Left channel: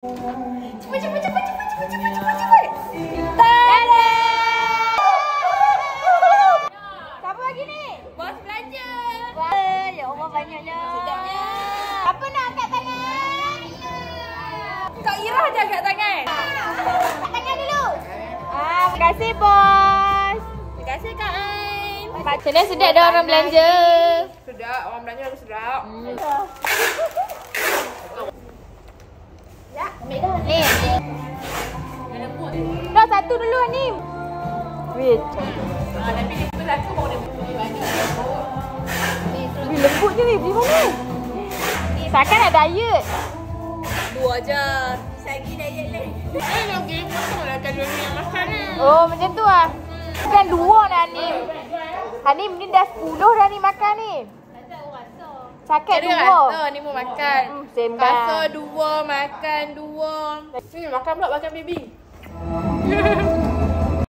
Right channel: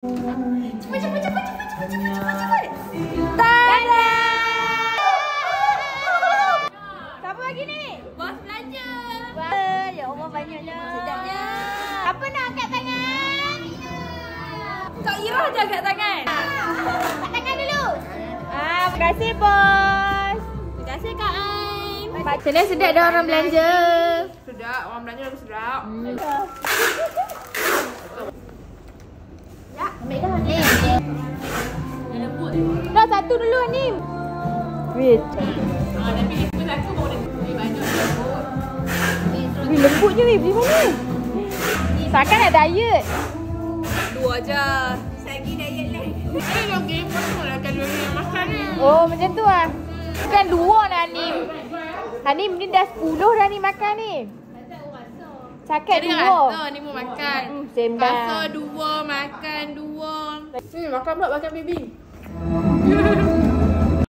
Cepat. Tada! Siapa lagi ni? Bos belanja. Ya Allah, banyaknya. Sedapnya. Apa nak angkat tangan? Kak Ira je angkat tangan. Angkat tangan dulu. Terima kasih bos. Terima kasih Kak Ain. Sedap dah orang belanja. Sedap, orang belanja lagi sedap. Ya, ambil dah. Ni. Dah satu dulu ni. Wait. Tapi ni pun satu baru dia beli banyak. Ni terus lembut je ni. Beli mana? Ni takkan nak diet. Dua je. Lagi diet ni. Lagi potonglah kalori yang makan ni. Oh, macam tu ah. Kan dua dah ni. Hanim ni dah 10 dah ni makan ni. Sakit Ada rasa ni mau makan. senang. Rasa dua, makan dua. Makan pula makan baby.